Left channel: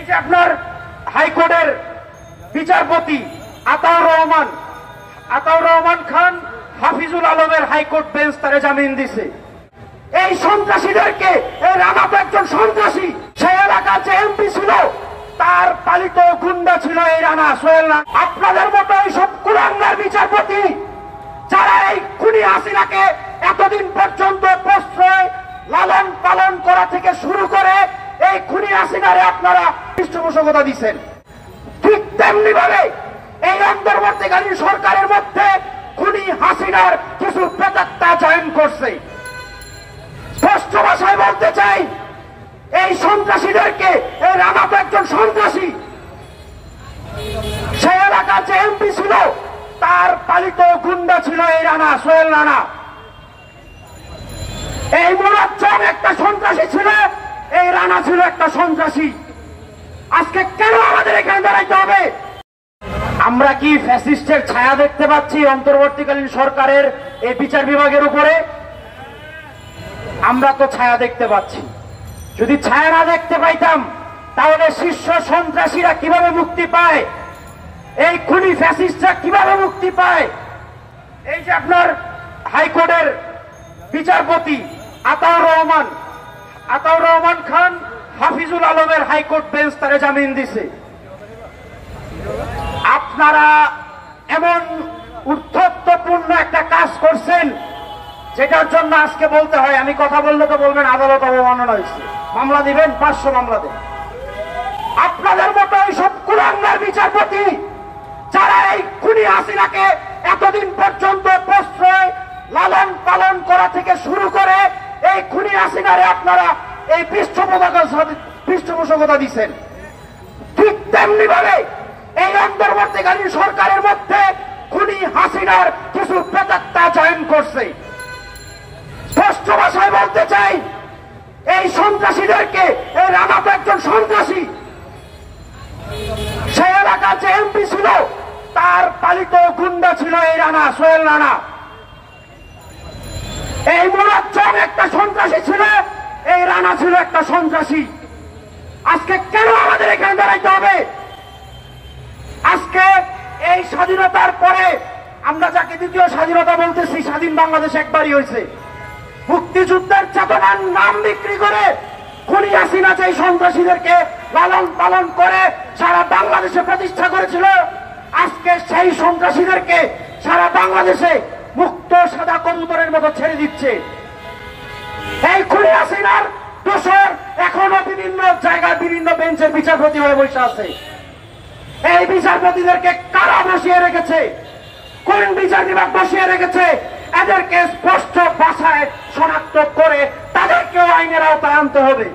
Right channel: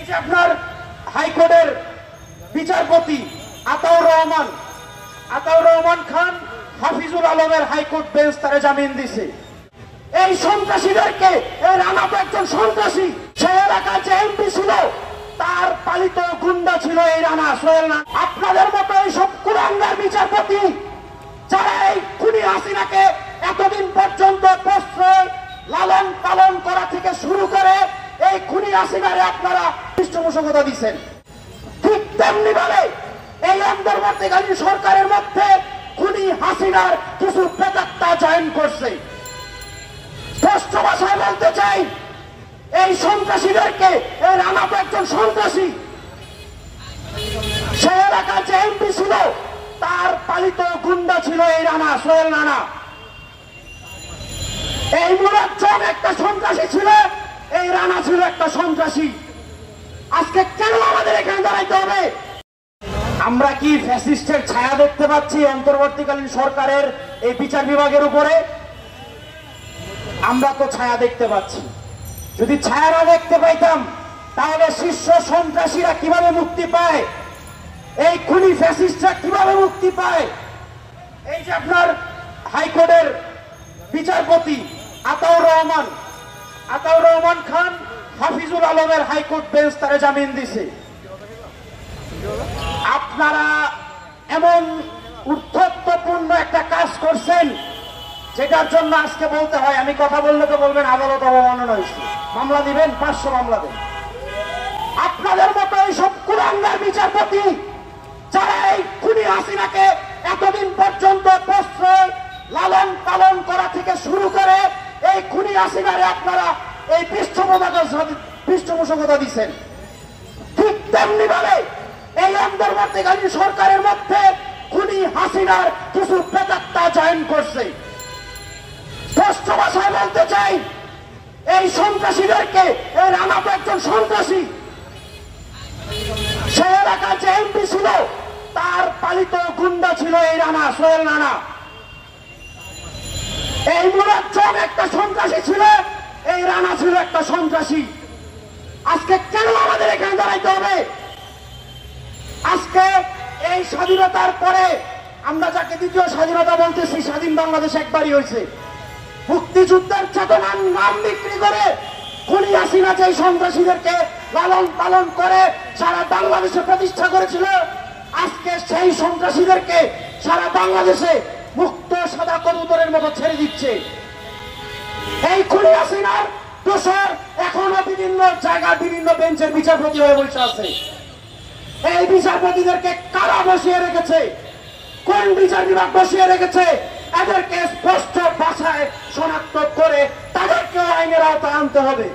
এই যে আপনার হাইকোর্টের বিচারপতি আতাউর রহমান খান হাফিজুল আলমের হাইকোর্ট বেঞ্চ তারে জামিন দিছে। এই সন্ত্রাসীদেরকে, এই রানা তো একজন সন্ত্রাসী, সেই এলাকার যে এমপি ছিল তার পালিত গুন্ডা ছিল এই রানা, সোহেল রানা। আপনাদের মতো এই সব কুলাঙ্গার বিচারপতি যারা এই খুনি হাসিনাকে এতদিন পর্যন্ত প্রশ্রয় লালন পালন করা থেকে শুরু করে এই খুনি হাসিনারে আপনারা পৃষ্ঠপোষকতা দিচ্ছেন, ঠিক তেমনি ভাবে এই অন্তর্বর্তীকালীন সরকারের মধ্যে খুনি হাসিনার কিছু প্রেতাত্মা চয়ন করছে। স্পষ্ট ভাষায় বলতে চাই, এই সন্ত্রাসীদেরকে, এই রানা তো একজন সন্ত্রাসী, সেই এলাকার যে এমপি ছিল তার পালিত গুন্ডা ছিল এই রানা, সোহেল রানা। এই মুরাজ্জম একটা সন্ত্রাসী ছিল, এই রানা ছিল একটা সন্ত্রাসী। আজকে কেন আমাদের এখানে দাঁড়াইতে হবে? আমরা কি ফ্যাসিস্টের ছায়া দেখতে পাচ্ছি অন্তর্বর্তীকালীন সরকারের এই বিচার বিভাগের উপরে? আমরা তো ছায়া দেখতে পাচ্ছি। যদি ছায়া না দেখতে পাইতাম তাহলে শীর্ষ সন্ত্রাসীরা কিভাবে মুক্তি পায়, এই খুনি ফ্যাসিস্টরা কিভাবে মুক্তি পায়? এই যে আপনার হাইকোর্টের বিচারপতি আতাউর রহমান খান হাফিজুল আলমের হাইকোর্ট বেঞ্চ তারে জামিন দিছে। আপনারা এমন উদ্ধত্তপূর্ণ একটা কাজ করছেন যেটার জন্য আজকে বলতে হয়, আমি কথা বললে তো বলবেন আদালত অবমাননা হয়েছে, মামলা দিবেন, 500 মামলা দেবেন। আপনাদের মতো এই সব কুলাঙ্গার বিচারপতি যারা এই খুনি হাসিনাকে এতদিন পর্যন্ত প্রশ্রয় লালন পালন করা থেকে শুরু করে এই খুনি হাসিনারে আপনারা এই পৃষ্ঠপোষকতা দিচ্ছেন, ঠিক তেমনি ভাবে এই অন্তর্বর্তীকালীন সরকারের মধ্যে খুনি হাসিনার কিছু প্রেতাত্মা চয়ন করছে। স্পষ্ট ভাষায় বলতে চাই, এই সন্ত্রাসীদেরকে, এই রানা তো একজন সন্ত্রাসী, সেই এলাকার যে এমপি ছিল তার পালিত গুন্ডা ছিল এই রানা, সোহেল রানা। এই মুরাজ্জম একটা সন্ত্রাসী ছিল, এই রানা ছিল একটা সন্ত্রাসী। আজকে কেন আমাদের এখানে দাঁড়াইতে হবে? আজকে এই স্বাধীনতার পরে আমরা যাকে দ্বিতীয় স্বাধীনতা বলতেছি, স্বাধীন বাংলাদেশ একবারই হয়েছে। মুক্তিযুদ্ধের চেতনার নাম বিক্রি করে খুনি হাসিনা যে সন্ত্রাসীদেরকে লালন পালন করে সারা বাংলাদেশে প্রতিষ্ঠা করেছিল, আজকে সেই সন্ত্রাসীদেরকে সারা বাংলাদেশে মুক্ত সাদা কবুতরের মতো ছেড়ে দিচ্ছে। এই খুনি হাসিনার দোষর এখনো বিভিন্ন জায়গায় বিভিন্ন বেঞ্চের বিচারপতি হয়ে বসে আছে। এই বিচারপতিদেরকে কারা বসিয়ে রেখেছে, কোন বিচার বিভাগ বসিয়ে রেখেছে, এদেরকে স্পষ্ট ভাষায় শনাক্ত করে তাদেরকেও আইনের আওতায় আনতে হবে।